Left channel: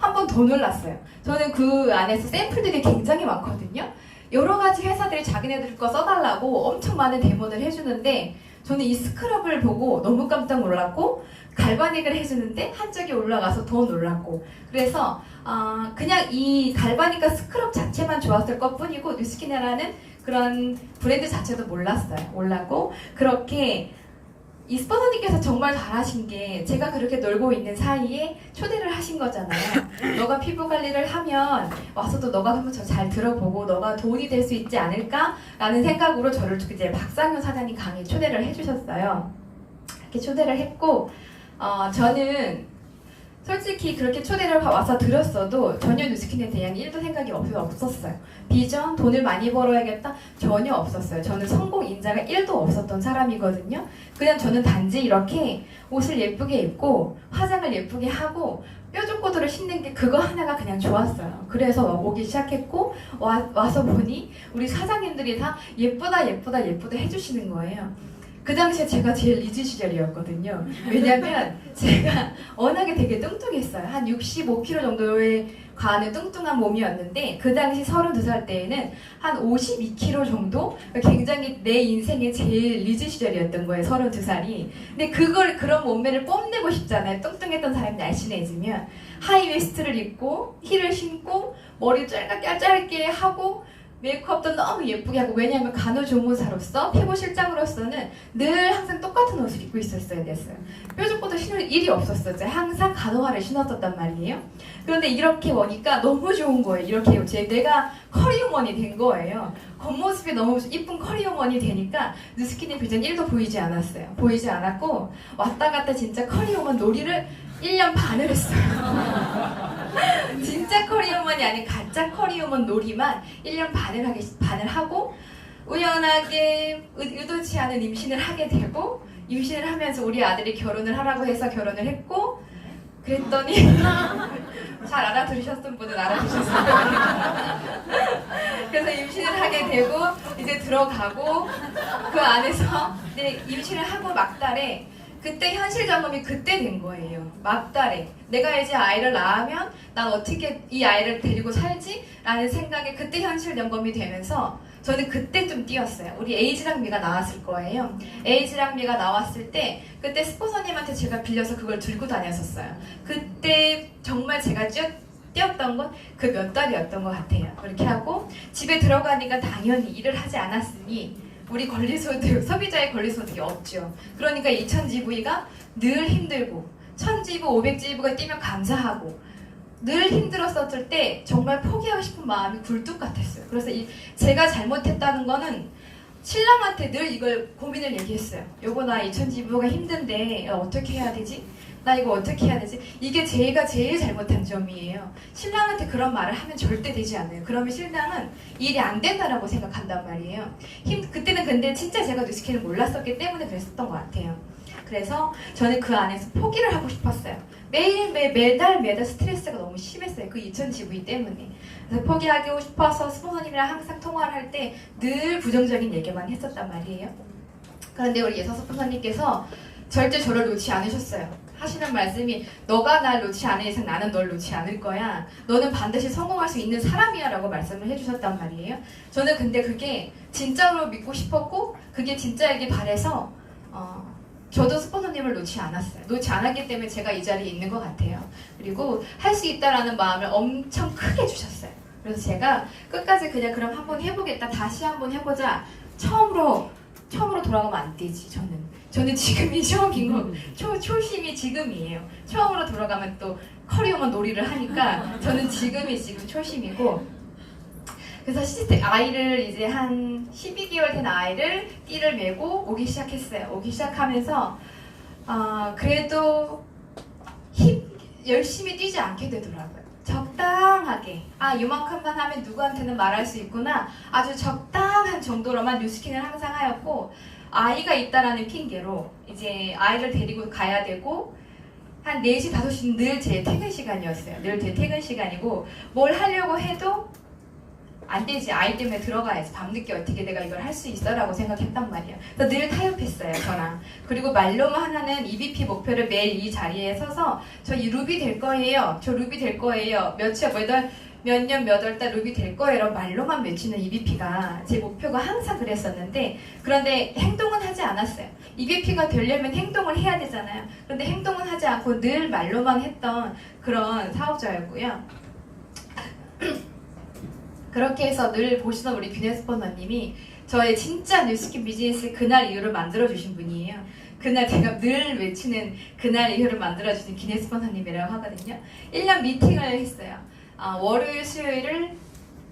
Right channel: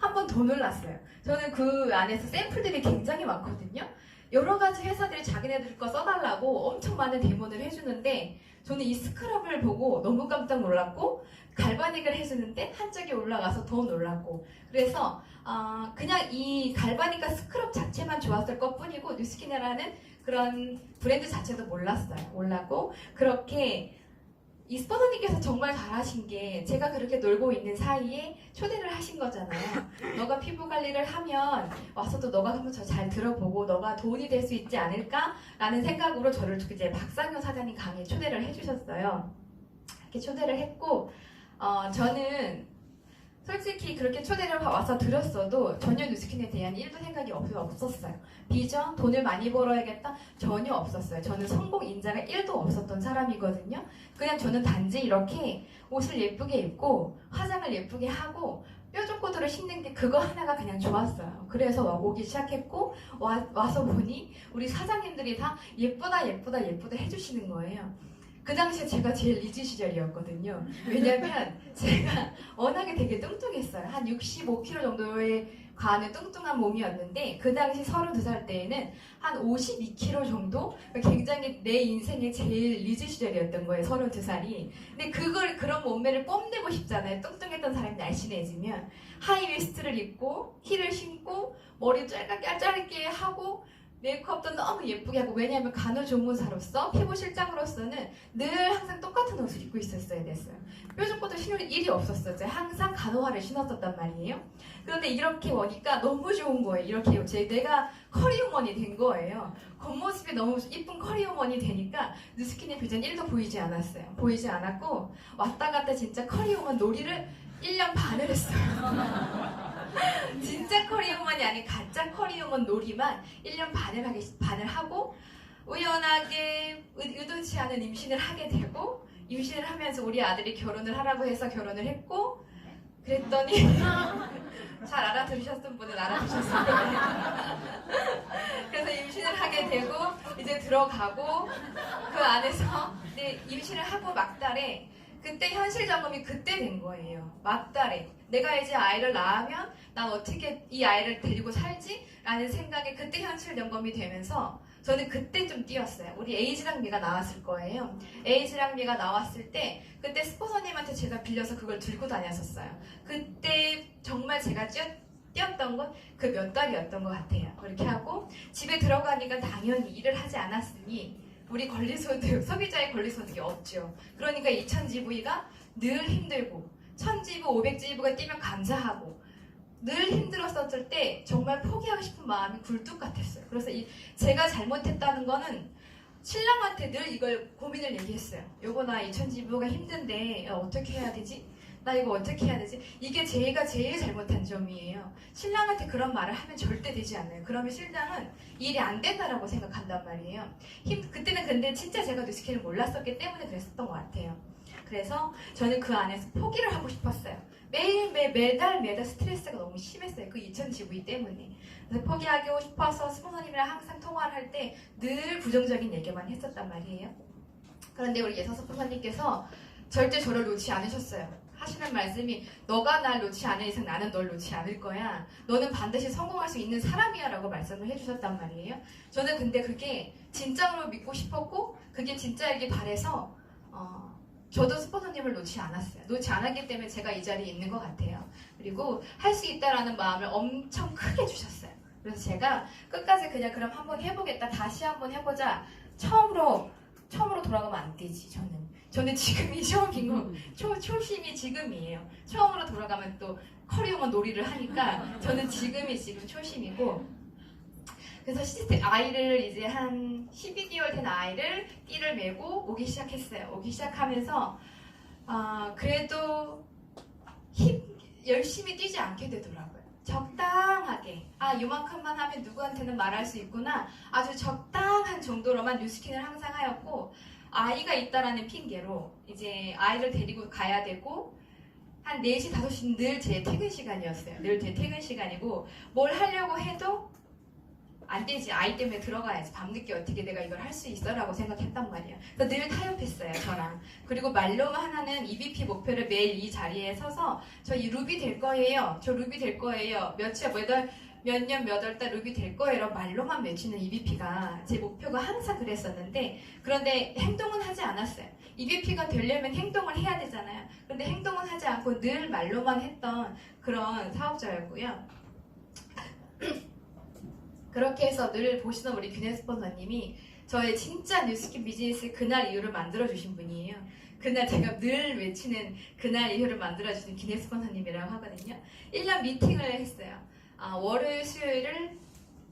한 번 더 놀랐어요. 저는 그 안에서 샘플들이 굉장히 많거든요. 여러 가지 회사들이 자기네들 거 써달라고 엄청 많은 데모를 해주는데 저는 이 스크럽을 보고 너무 깜짝 놀랐고 갈바닉을 해주는데 한쪽이 올라가서 더 놀랐고 그래서 그냥 이 갈바닉과 스크럽 자체만 좋았을 것 뿐이고 뉴스킨이라는 그런 브랜드 자체도 몰랐고 그렇게 이 스포너님께서 정말 잘하신 게 제가 그렇게 놀고 있는 사이에 초대를 하신 거잖아요. 너가 피부 관리를 하면 와서도 너가 한번 저 잘 들어보고 너가 도움이 될 수 있지 않을까라는 생각으로 저를 이제 박상효 사장님 강의에 초대를 해주셨어요. 이렇게 초대를 했고 저는 솔직히 그렇게 초대를 와서 드렸어도 전혀 뉴스킨에 대한 1도 생각이 없었어요. 비전, 돈을 많이 벌어야겠다? 전혀 없었어요. 저는 성공 인자가 1도 없었던 사람이거든요. 그냥 저는 단지 이렇게 옷을 예쁘게 입고 화장을 예쁘게 하고 뾰족구두를 신는 게 그거 하나가 그냥 좋았어요. 그래서 오기 시작했고 와서 보니 우리 사장님들이 다 예쁘다 해주시는 거예요. 그 당시에 제가 제일 리즈 시절이었거든요. 왜냐면 제가 워낙에 되게 뚱뚱했어요. 한 65kg 정도에 가는 뚱뚱한 몸이었는데 그 당시 32살 때에는 한 52kg 정도? 굉장히 내 인생의 제일 리즈 시절이었던 거예요. 32살이. 근데 그런 몸매를 뽐내고 싶잖아요. 뚱뚱했던 사람이 날씬해지면 하이웨스트를 입고 힐을 신고 머리 짧게 하고 메이크업도 너무 예쁘게 하고 왜냐하면 간호조무사로서 피부실장으로서는 늘 항상 똑같은 옷을 입고 있었어야 됐어요. 뾰족구도 신을 일이 없었어요. 항상 간호화를 신었었단 말이에요. 그런데 이렇게 오니까 너무 좋은 거예요. 이렇게 내가 커리어먼이 된 거예요. 겉모습이 너무 이쁜 커리어먼이 되니까 뉴스킨의 비전 1도 보이지 않았어요. 보이지 않았고 왔다 갔다 진짜 커리어먼 놀이를 1년 반을 했어요. 진짜 커리어먼이 아닌 가짜 커리어먼 놀이만 1년 반을 하고 우연하게 의도치 않은 임신을 하게 되고 임신을 하면서 우리 아들이 결혼을 하라고 해서 결혼을 했고 그랬더니 잘 알아들으셨던 분은 알아주셨을 거예요. 그래서 임신을 하게 되고 이제 들어가고 그 안에서 이제 임신을 하고 막달에 그때 현실 점검이 그때 된 거예요. 막달에 내가 이제 아이를 낳으면 난 어떻게 이 아이를 데리고 살지? 라는 생각에 그때 현실 점검이 되면서 저는 그때 좀 뛰었어요. 우리 에이지랑 미가 나왔을 거예요. 에이지랑 미가 나왔을 때 그때 스포서님한테 제가 빌려서 그걸 들고 다녔었어요. 그때 정말 제가 뛰었던 건 그 몇 달이었던 것 같아요. 그렇게 하고 집에 들어가니까 당연히 일을 하지 않았으니 우리 권리소득, 소비자의 권리소득이 없죠. 그러니까 2000GV가 늘 힘들고 1000GV, 500GV가 뛰면 감사하고 늘 힘들었었을 때 정말 포기하고 싶은 마음이 굴뚝 같았어요. 그래서 제가 잘못했다는 거는 신랑한테 늘 이걸 고민을 얘기했어요. 요거 나 2000GV가 힘든데 어떻게 해야 되지? 나 이거 어떻게 해야 되지? 이게 제가 제일 잘못한 점이에요. 신랑한테 그런 말을 하면 절대 되지 않아요. 그러면 신랑은 일이 안 된다라고 생각한단 말이에요. 그때는 근데 진짜 제가 뉴스킨을 몰랐었기 때문에 그랬었던 것 같아요. 그래서 저는 그 안에서 포기를 하고 싶었어요. 매달 스트레스가 너무 심했어요. 그 2000GV 때문에. 그래서 포기하고 싶어서 스포너님이랑 항상 통화를 할 때 늘 부정적인 얘기만 했었단 말이에요. 그런데 우리 예서 스포너님께서 절대 저를 놓지 않으셨어요. 하시는 말씀이 너가 날 놓지 않을 이상 나는 널 놓지 않을 거야. 너는 반드시 성공할 수 있는 사람이야 라고 말씀을 해주셨단 말이에요. 저는 근데 그게 진짜로 믿고 싶었고 그게 진짜이길 바래서 저도 스포너님을 놓지 않았어요. 놓지 않았기 때문에 제가 이 자리에 있는 것 같아요. 그리고 할 수 있다라는 마음을 엄청 크게 주셨어요. 그래서 제가 끝까지 그냥 그럼 한번 해보겠다. 다시 한번 해보자. 처음으로 돌아가면 안 되지. 저는 지금이 처음인 거, 초심이 지금이에요. 처음으로 돌아가면 또 커리어만 놀이를 하니까 저는 지금이 지금 초심이고 그래서 아이를 이제 한 12개월 된 아이를 띠를 메고 오기 시작했어요. 오기 시작하면서 그래도 열심히 뛰지 않게 되더라고요. 적당하게 요만큼만 하면 누구한테는 말할 수 있구나 아주 적당한 정도로만 뉴스킨을 항상 하였고 아이가 있다라는 핑계로 이제 아이를 데리고 가야 되고 한 4시, 5시는 늘 제 퇴근 시간이었어요. 늘 제 퇴근 시간이고 뭘 하려고 해도 안 되지. 아이 때문에 들어가야지. 밤늦게 어떻게 내가 이걸 할 수 있어? 라고 생각했단 말이에요. 그래서 늘 타협했어요, 저랑. 그리고 말로만 하나는 EVP 목표를 매일 이 자리에 서서 저 이 루비 될 거예요. 저 루비 될 거예요. 몇 년 몇 월 달 루비 될 거예요. 말로만 외치는 EVP가 제 목표가 항상 그랬었는데 그런데 행동은 하지 않았어요. EVP가 되려면 행동을 해야 되잖아요. 그런데 행동은 하지 않고 늘 말로만 했던 그런 사업자였고요. 그렇게 해서 늘 보시던 우리 비즈니스 스포너님이 저의 진짜 뉴스킨 비즈니스 그날 이후를 만들어주신 분이에요. 그날 제가 늘 외치는 그날 이후를 만들어주신 기네스 스포너님이라고 하거든요. 1년 미팅을 했어요. 월요일, 수요일을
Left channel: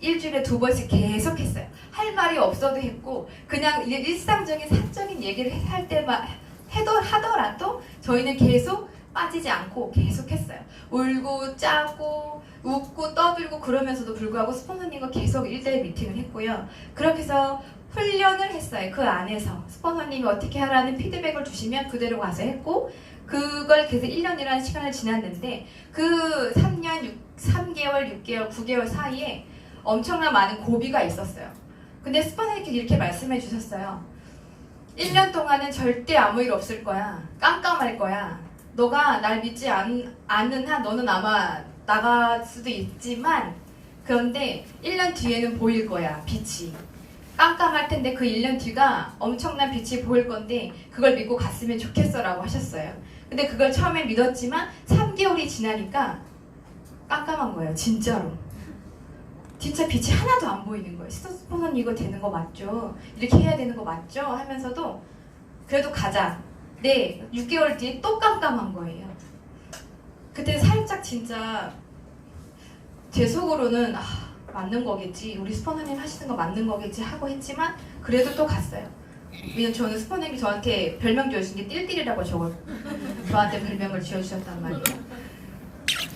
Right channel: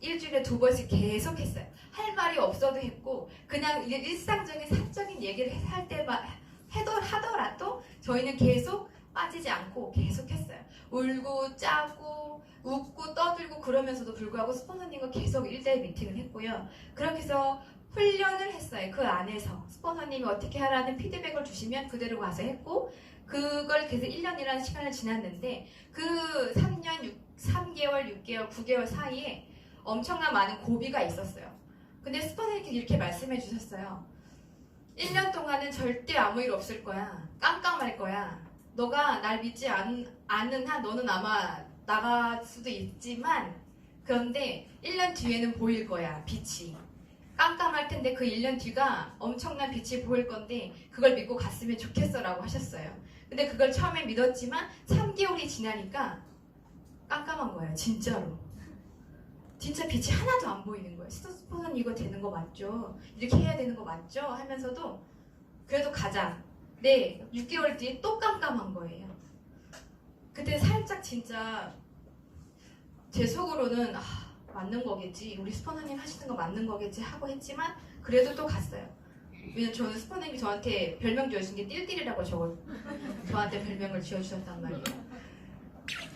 일주일에 2번씩 계속 했어요. 할 말이 없어도 했고 그냥 일상적인 사적인 얘기를 할 때만 하더라도 저희는 계속 빠지지 않고 계속 했어요. 울고 짜고 웃고 떠들고 그러면서도 불구하고 스포너님과 계속 1대1 미팅을 했고요. 그렇게 해서 훈련을 했어요. 그 안에서 스포너님이 어떻게 하라는 피드백을 주시면 그대로 가서 했고 그걸 계속 1년이라는 시간을 지났는데 그 3개월, 6개월, 9개월 사이에 엄청난 많은 고비가 있었어요. 근데 스포너님께서 이렇게 말씀해 주셨어요. 1년 동안은 절대 아무 일 없을 거야. 깜깜할 거야. 너가 날 믿지 않는 한 너는 아마 나갈 수도 있지만 그런데 1년 뒤에는 보일 거야. 빛이. 깜깜할 텐데 그 1년 뒤가 엄청난 빛이 보일 건데 그걸 믿고 갔으면 좋겠어 라고 하셨어요. 근데 그걸 처음에 믿었지만 3개월이 지나니까 깜깜한 거예요. 진짜로. 진짜 빛이 하나도 안 보이는 거예요. 스포너님 이거 되는 거 맞죠? 이렇게 해야 되는 거 맞죠? 하면서도 그래도 가자. 네, 6개월 뒤에 또 깜깜한 거예요. 그때 살짝 진짜 제 속으로는 맞는 거겠지. 우리 스포너님 하시는 거 맞는 거겠지 하고 했지만 그래도 또 갔어요. 왜냐면 저는 스포너님이 저한테 별명 지어주신 게 띨띨이라고 저한테 별명을 지어주셨단 말이에요.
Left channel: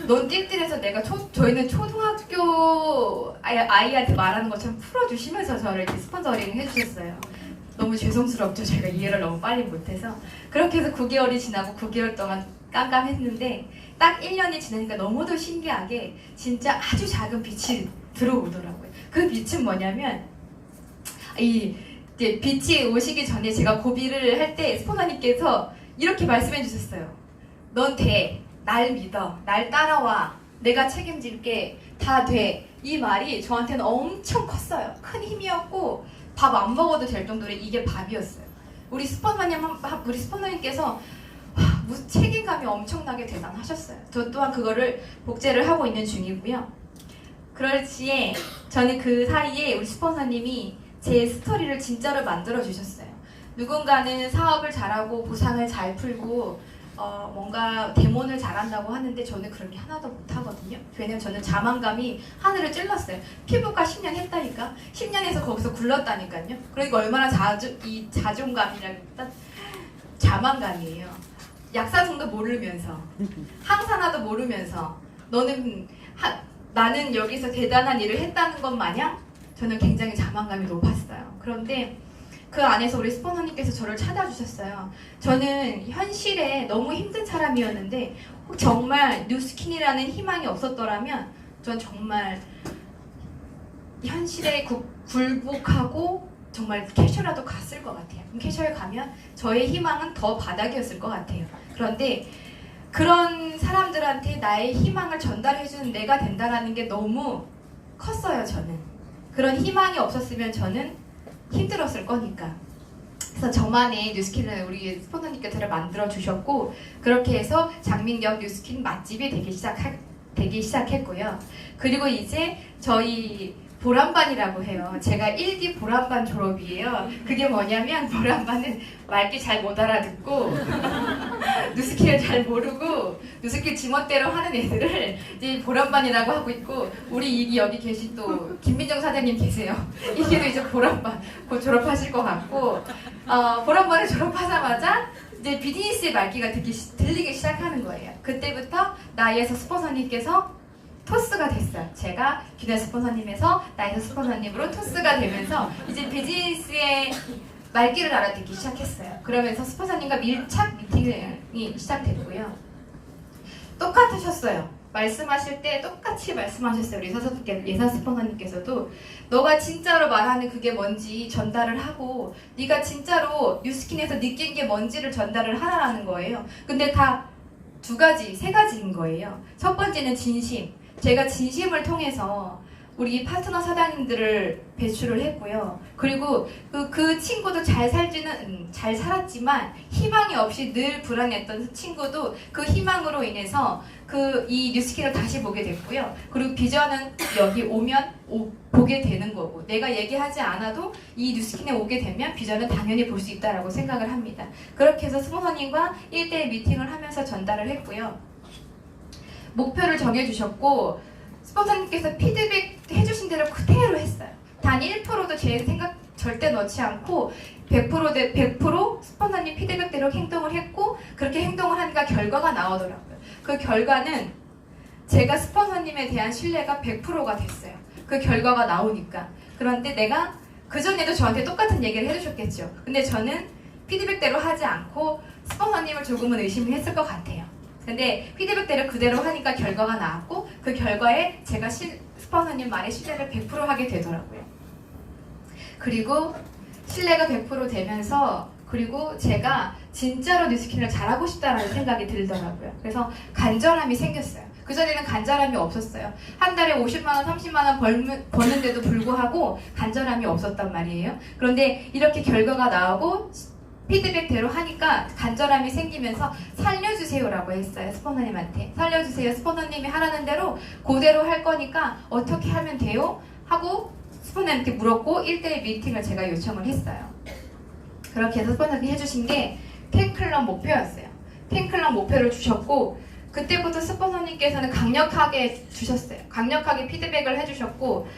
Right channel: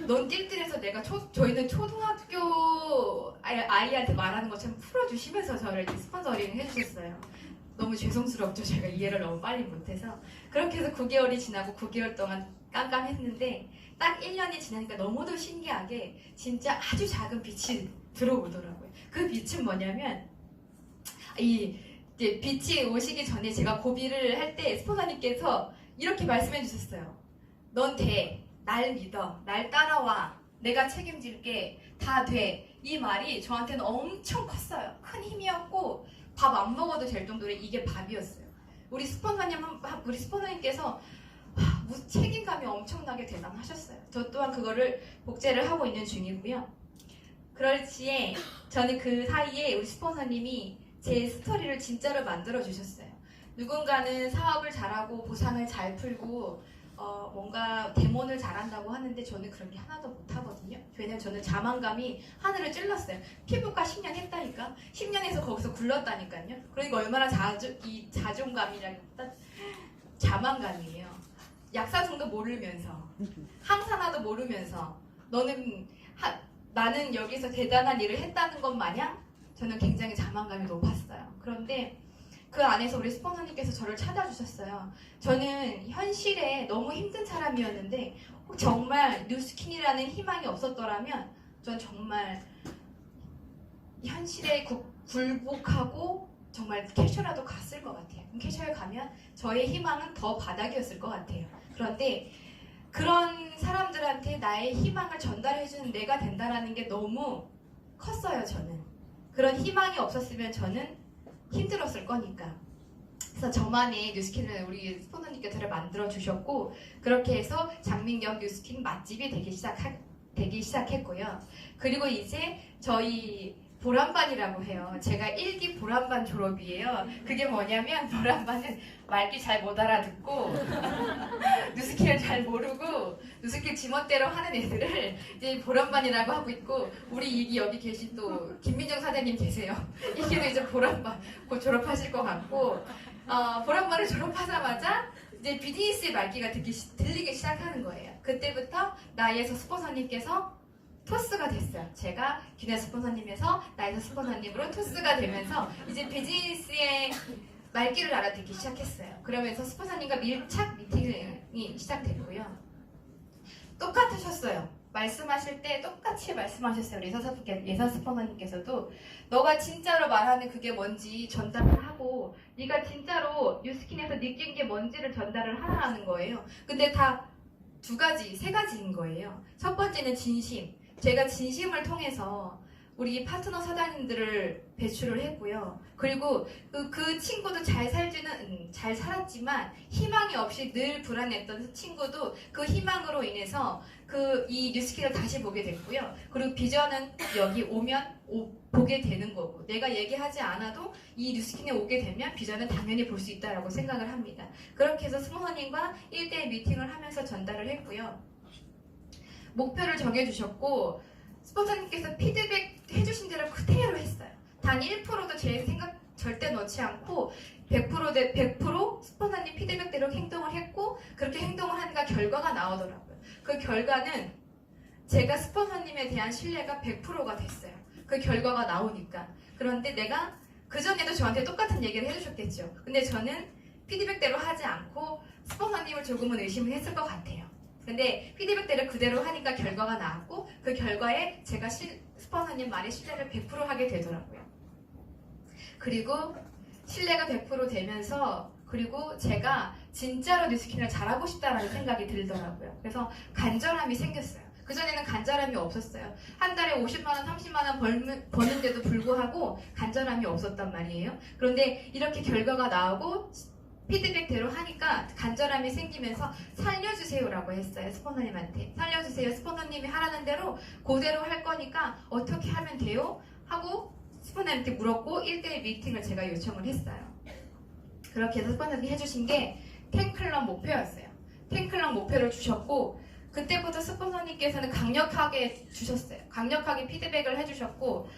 넌 띨띨해서 내가 저희는 초등학교 아이한테 말하는 것처럼 풀어주시면서 저를 이렇게 스폰서링을 해주셨어요. 너무 죄송스럽죠. 제가 이해를 너무 빨리 못해서. 그렇게 해서 9개월이 지나고 9개월 동안 깜깜했는데 딱 1년이 지나니까 너무도 신기하게 진짜 아주 작은 빛이 들어오더라고요. 그 빛은 뭐냐면 이제 빛이 오시기 전에 제가 고비를 할 때 스포너님께서 이렇게 말씀해 주셨어요. 넌 돼. 날 믿어. 날 따라와. 내가 책임질게. 다 돼. 이 말이 저한테는 엄청 컸어요. 큰 힘이었고 밥 안 먹어도 될 정도로 이게 밥이었어요. 우리 스포너님께서 책임감이 엄청나게 대단하셨어요. 저 또한 그거를 복제를 하고 있는 중이고요. 그럴 시에 저는 그 사이에 우리 스폰서님이 제 스토리를 진짜로 만들어 주셨어요. 누군가는 사업을 잘하고 보상을 잘 풀고 뭔가 데몬을 잘한다고 하는데 저는 그런 게 하나도 못하거든요. 왜냐면 저는 자만감이 하늘을 찔렀어요. 피부과 10년 했다니까. 10년에서 거기서 굴렀다니까요. 그러니까 얼마나 이 자존감이랄까 자만감이에요. 약사성도 모르면서 항산화도 모르면서 나는 여기서 대단한 일을 했다는 것 마냥 저는 굉장히 자만감이 높았어요. 그런데 그 안에서 우리 스포너님께서 저를 찾아주셨어요. 저는 현실에 너무 힘든 사람이었는데 정말 뉴스킨이라는 희망이 없었더라면 전 정말 현실에 굴복하고 정말 캐셔라도 갔을 것 같아요. 캐셔에 가면 저의 희망은 더 바닥이었을 것 같아요. 그런데 그런 사람들한테 나의 희망을 전달해주는 내가 된다는 게 너무 컸어요. 저는 그런 희망이 없었으면 저는 힘들었을 거니까. 그래서 저만의 뉴스킨을 우리 스포너님께서 저를 만들어 주셨고 그렇게 해서 장민경 뉴스킨 맛집이 되기 시작했고요. 그리고 이제 저희 보람반이라고 해요. 제가 1기 보람반 졸업이에요. 그게 뭐냐면 보람반은 말귀 잘 못 알아듣고 뉴스킨을 잘 모르고 뉴스킨 지멋대로 하는 애들을 이제 보람반이라고 하고 있고 우리 여기 계신 또 김민정 사장님 계세요. 이게도 이제 보람반 곧 졸업하실 것 같고 보람반을 졸업하자마자 이제 비즈니스의 말귀가 들리기 시작하는 거예요. 그때부터 나이에서 스폰서님께서 토스가 됐어요. 제가 기네스 스폰서님에서 나이스 스폰서님으로 토스가 되면서 이제 비즈니스의 말귀를 알아듣기 시작했어요. 그러면서 스폰서님과 밀착 미팅이 시작됐고요. 똑같으셨어요. 말씀하실 때 똑같이 말씀하셨어요. 우리 예사 스포너님께서도 너가 진짜로 말하는 그게 뭔지 전달을 하고 네가 진짜로 뉴스킨에서 느낀 게 뭔지를 전달을 하라는 거예요. 근데 다 두 가지, 세 가지인 거예요. 첫 번째는 진심. 제가 진심을 통해서 우리 파트너 사장님들을 배출을 했고요. 그리고 그 친구도 잘 살았지만 희망이 없이 늘 불안했던 친구도 그 희망으로 인해서 이 뉴스킨을 다시 보게 됐고요. 그리고 비전은 여기 오면 보게 되는 거고 내가 얘기하지 않아도 이 뉴스킨에 오게 되면 비전은 당연히 볼 수 있다라고 생각을 합니다. 그렇게 해서 스폰서님과 1대1 미팅을 하면서 전달을 했고요. 목표를 정해주셨고 스폰서님께서 피드백 해주신 대로 그대로 했어요. 단 1%도 제 생각 절대 넣지 않고 100% 스폰서님 피드백대로 행동을 했고 그렇게 행동을 하니까 결과가 나오더라고요. 그 결과는 제가 스폰서님에 대한 신뢰가 100%가 됐어요. 그 결과가 나오니까. 그런데 내가 그전에도 저한테 똑같은 얘기를 해주셨겠죠. 근데 저는 피드백대로 하지 않고 스폰서님을 조금은 의심을 했을 것 같아요. 근데 피드백대로 그대로 하니까 결과가 나왔고 그 결과에 제가 스폰서님 말에 신뢰를 100% 하게 되더라고요. 그리고 신뢰가 100% 되면서 그리고 제가 진짜로 뉴스킨을 잘하고 싶다라는 생각이 들더라고요. 그래서 간절함이 생겼어요. 그전에는 간절함이 없었어요. 한 달에 50만원, 30만원 버는데도 불구하고 간절함이 없었단 말이에요. 그런데 이렇게 결과가 나오고 피드백대로 하니까 간절함이 생기면서 살려주세요라고 했어요. 스폰서님한테. 살려주세요. 스폰서님이 하라는 대로 그대로 할 거니까 어떻게 하면 돼요? 하고 스폰서님한테 물었고 1대1 미팅을 제가 요청을 했어요. 그렇게 해서 스폰서님이 해주신 게 팬클럽 목표였어요. 팬클럽 목표를 주셨고 그때부터 스폰서님께서는 강력하게 주셨어요. 강력하게 피드백을 해주셨고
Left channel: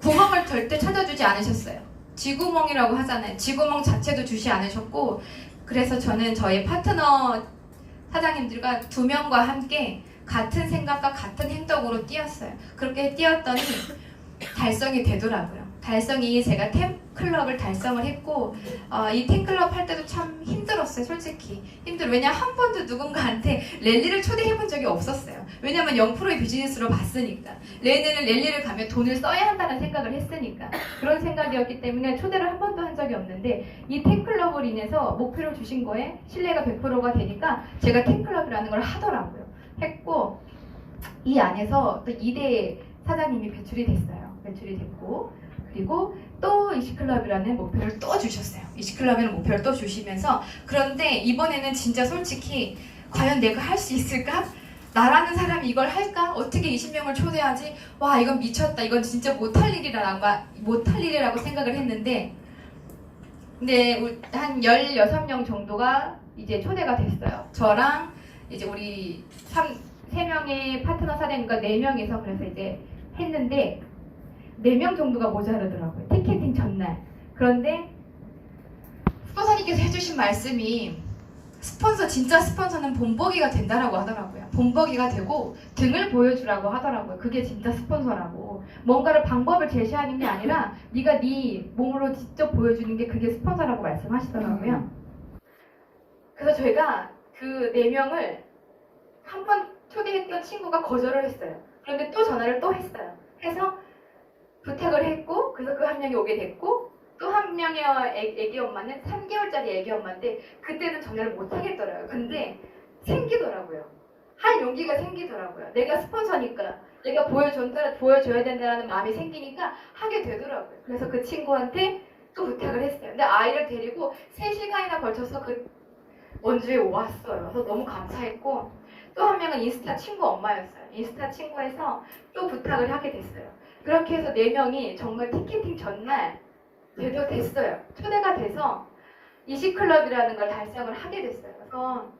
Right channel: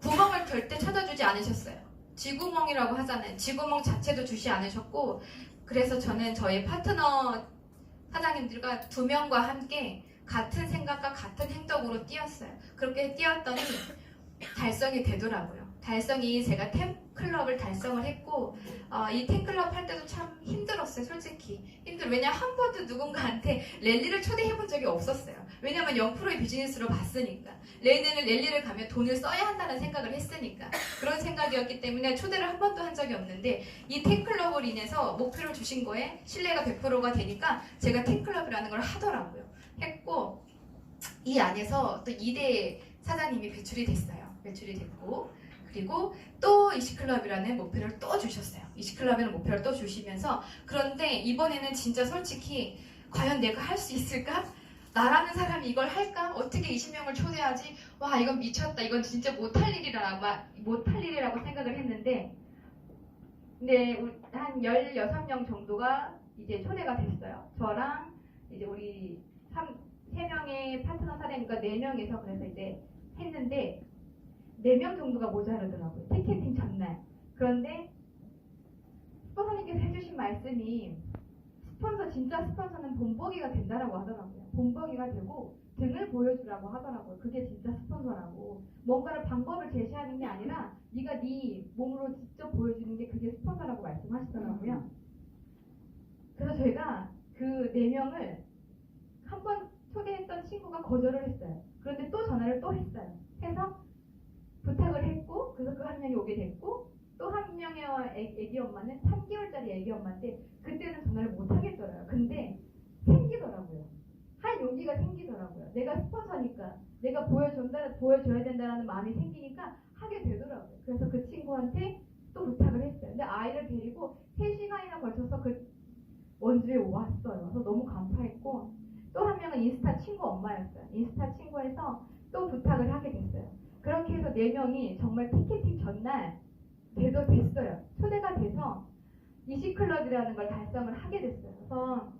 구멍을 절대 찾아주지 않으셨어요. 쥐구멍이라고 하잖아요. 쥐구멍 자체도 주시 않으셨고 그래서 저는 저희 파트너 사장님들과 2명과 함께 같은 생각과 같은 행동으로 뛰었어요. 그렇게 뛰었더니 달성이 되더라고요. 달성이 제가 템클럽을 달성을 했고 이 템클럽 할 때도 참 힘들었어요. 솔직히 왜냐면 한 번도 누군가한테 랠리를 초대해 본 적이 없었어요. 왜냐면 0%의 비즈니스로 봤으니까 랠리를 가면 돈을 써야 한다는 생각을 했으니까 그런 생각이었기 때문에 초대를 한 번도 한 적이 없는데 이 템클럽을 인해서 목표를 주신 거에 신뢰가 100%가 되니까 제가 템클럽이라는 걸 하더라고요. 했고 이 안에서 또 2대 사장님이 배출이 됐고 그리고 또 이시클럽이라는 목표를 또 주셨어요. 이시클럽이라는 목표를 또 주시면서 그런데 이번에는 진짜 솔직히 과연 내가 할 수 있을까? 나라는 사람이 이걸 할까? 어떻게 20명을 초대하지? 와 이건 미쳤다. 이건 진짜 못할 일이라고 생각을 했는데 근데 한 16명 정도가 이제 초대가 됐어요. 저랑 이제 우리 3명의 파트너 사장님과 4명이서 그래서 이제 했는데 4명 정도가 모자르더라고요. 티켓팅 전날. 그런데 스폰서님께서 해주신 말씀이 진짜 스폰서는 본보기가 된다라고 하더라고요. 본보기가 되고 등을 보여주라고 하더라고요. 그게 진짜 스폰서라고. 뭔가를 방법을 제시하는 게 아니라 네가 네 몸으로 직접 보여주는 게 그게 스폰서라고 말씀하시더라고요. 그래서 저희가 그 4명을 한 번 초대했던 친구가 거절을 했어요. 그런데 또 전화를 또 했어요. 해서 부탁을 했고 그래서 그 한 명이 오게 됐고 또 한 명의 애기 엄마는 3개월짜리 애기 엄마인데 그때는 전화를 못 하겠더라고요. 근데 생기더라고요. 할 용기가 생기더라고요. 내가 스폰서니까 내가 보여줘야 된다는 마음이 생기니까 하게 되더라고요. 그래서 그 친구한테 또 부탁을 했어요. 근데 아이를 데리고 3시간이나 걸쳐서 그 원주에 왔어요. 그래서 너무 감사했고 또 한 명은 인스타 친구 엄마였어요. 인스타 친구에서 또 부탁을 하게 됐어요. 그렇게 해서 4명이 정말 티켓팅 전날 됐어요. 초대가 돼서 이시클럽이라는 걸 달성을 하게 됐어요. 그래서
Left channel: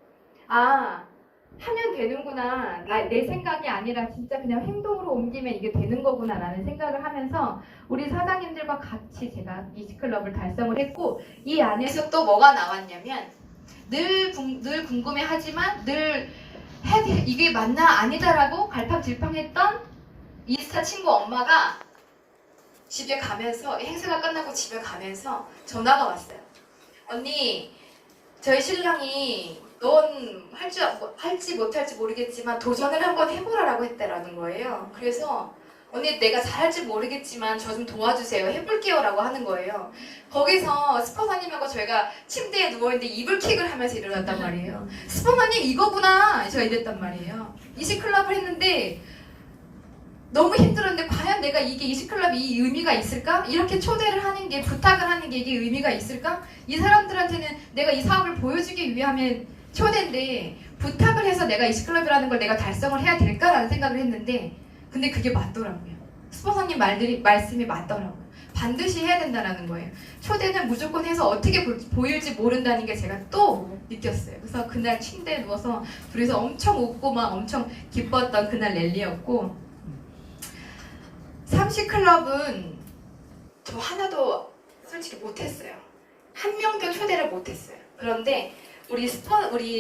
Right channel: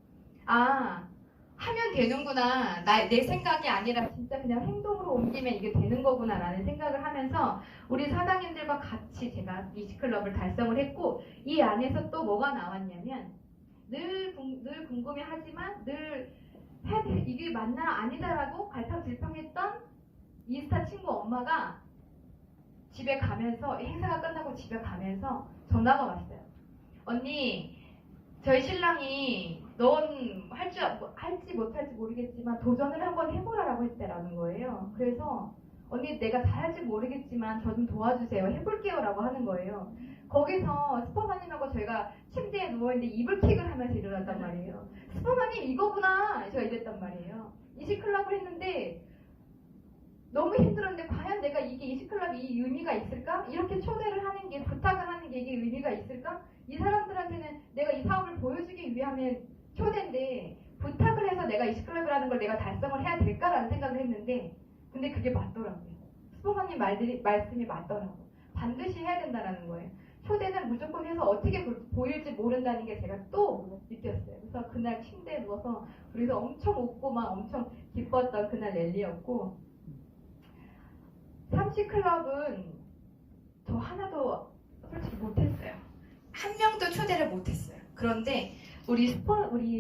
하면 되는구나. 내 생각이 아니라 진짜 그냥 행동으로 옮기면 이게 되는 거구나 라는 생각을 하면서 우리 사장님들과 같이 제가 이시클럽을 달성을 했고 이 안에서 또 뭐가 나왔냐면 늘 궁금해하지만 늘 이게 맞나 아니다라고 갈팡질팡했던 인스타 친구 엄마가 집에 가면서 행사가 끝나고 집에 가면서 전화가 왔어요. 언니 저희 신랑이 넌 할지 못할지 모르겠지만 도전을 한번 해보라라고 했다라는 거예요. 그래서 언니 내가 잘할지 모르겠지만 저 좀 도와주세요. 해볼게요 라고 하는 거예요. 거기서 스포너님하고 저희가 침대에 누워있는데 이불킥을 하면서 일어났단 말이에요. 스포너님 이거구나 제가 이랬단 말이에요. 이식클럽을 했는데 너무 힘들었는데 과연 내가 이게 이식클럽이 이 의미가 있을까? 이렇게 초대를 하는 게 부탁을 하는 게 이게 의미가 있을까? 이 사람들한테는 내가 이 사업을 보여주기 위함에 초대인데 부탁을 해서 내가 이식클럽이라는 걸 내가 달성을 해야 될까라는 생각을 했는데 근데 그게 맞더라고요. 스포서님 말씀이 맞더라고요. 반드시 해야 된다는 거예요. 초대는 무조건 해서 어떻게 보일지 모른다는 게 제가 또 느꼈어요. 그래서 그날 침대에 누워서 둘이서 엄청 웃고 막 엄청 기뻤던 그날 랠리였고 30클럽은 저 하나도 솔직히 못했어요. 한 명도 초대를 못했어요. 그런데 우리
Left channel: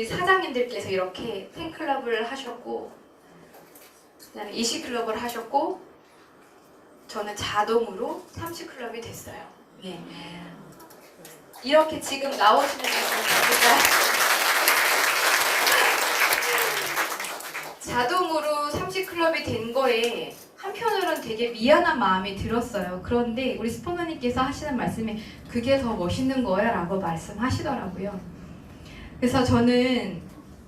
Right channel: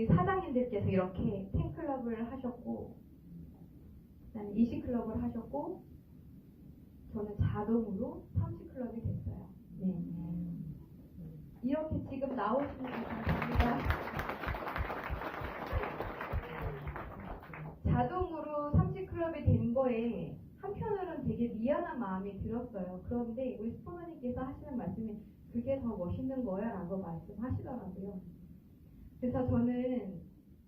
사장님들께서 이렇게 팬클럽을 하셨고 그다음에 20클럽을 하셨고 저는 자동으로 30클럽이 됐어요. 예. 이렇게 지금 나오시는 분들 자동으로 30클럽이 된 거에 한편으로는 되게 미안한 마음이 들었어요. 그런데 우리 스포너님께서 하시는 말씀이 그게 더 멋있는 거야 라고 말씀하시더라고요. 그래서 저는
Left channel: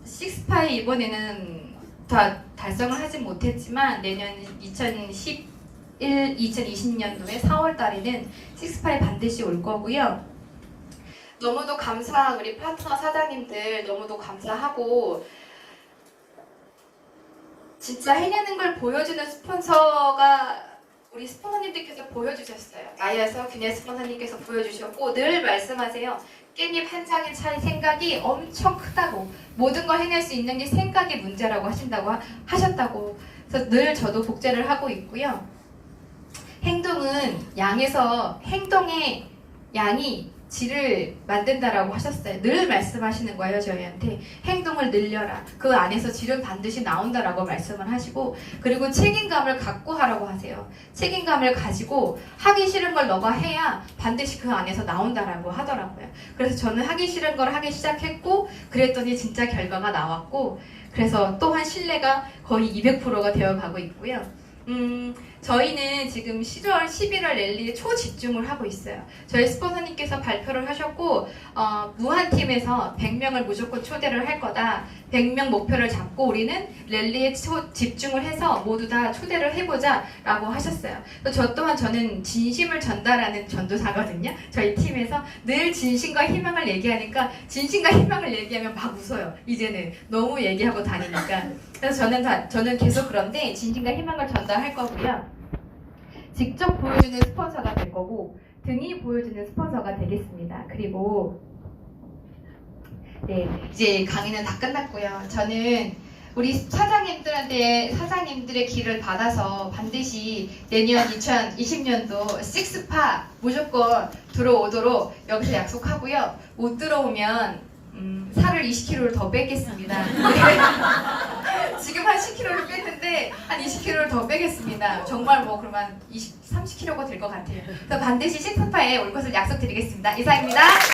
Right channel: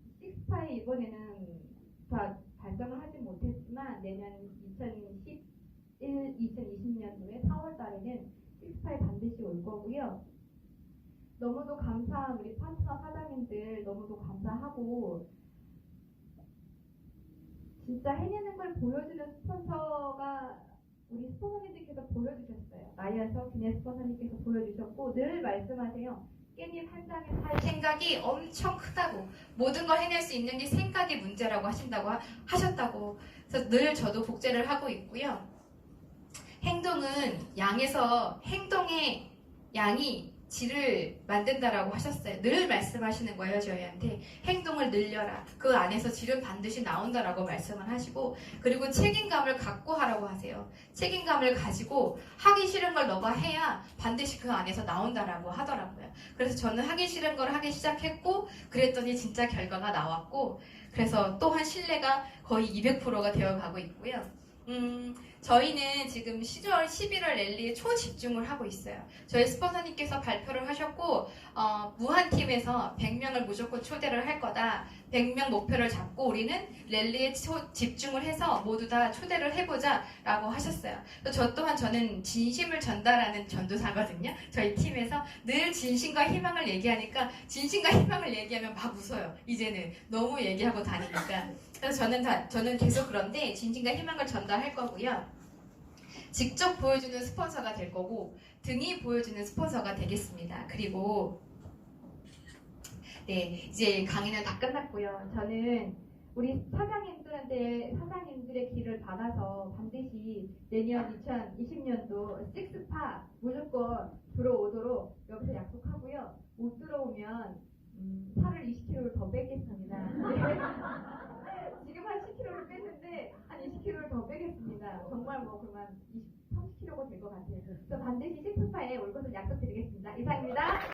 식스파이 이번에는 다 달성을 하진 못했지만 내년 2020년도에 4월 달에는 식스파이 반드시 올 거고요. 너무도 감사한 우리 파트너 사장님들 너무도 감사하고 진짜 해내는 걸 보여주는 스폰서가 우리 스폰서님들께서 보여주셨어요. 나야서 그냥 스폰서님께서 보여주셨고 늘 말씀하세요. 깻잎 한 장에 차일 생각이 엄청 크다고 모든 걸 해낼 수 있는 게 생각이 문제라고 하셨다고 그래서 늘 저도 복제를 하고 있고요. 행동은 양에서 행동의 양이 질을 만든다라고 하셨어요. 늘 말씀하시는 거예요. 저희한테 행동을 늘려라. 그 안에서 질은 반드시 나온다라고 말씀을 하시고 그리고 책임감을 갖고 하라고 하세요. 책임감을 가지고 하기 싫은 걸 너가 해야 반드시 그 안에서 나온다라고 하더라고요. 그래서 저는 하기 싫은 걸 하기 시작했고 그랬더니 진짜 결과가 나왔고 그래서 또한 신뢰가 거의 200%가 되어가고 있고요. 저희는 지금 10월, 11월 랠리에 초집중을 하고 있어요. 저희 스폰서님께서 발표를 하셨고 무한팀에서 100명을 무조건 초대를 할 거다. 100명 목표를 잡고 우리는 랠리에 집중을 해서 모두 다 초대를 해보자 라고 하셨어요. 저 또한 저는 진심을 전달하는 전도사거든요. 저희 팀에서 늘 진심과 희망을 얘기하니까 진심과 희망을 얘기하면 막 웃어요. 이제는 너무 얘기하고 다니니까. 그래서 저는 계속 그런데 진심과 희망을 전달할 거고요. 직접 보여주는 스폰서가 될 거고 등이 보여주는 스폰서가 되겠습니다. 그리고 네 이제 강의는 다 끝났고요. 저는 우리 사장님들의 길을 받아서 반드시 내년 2020년도 식스파 무조건 들어오도록 여기서 약속하고요. 못 들어오면 살을 20kg를 더 빼겠습니다. 지금 한 10kg를 뺐는데 한 20kg를 더 빼겠습니다. 정말 뭐 그러면 30kg가 될 것 같아요. 그래서 반드시 식스파에 올 것을 약속드리겠습니다. 이상입니다.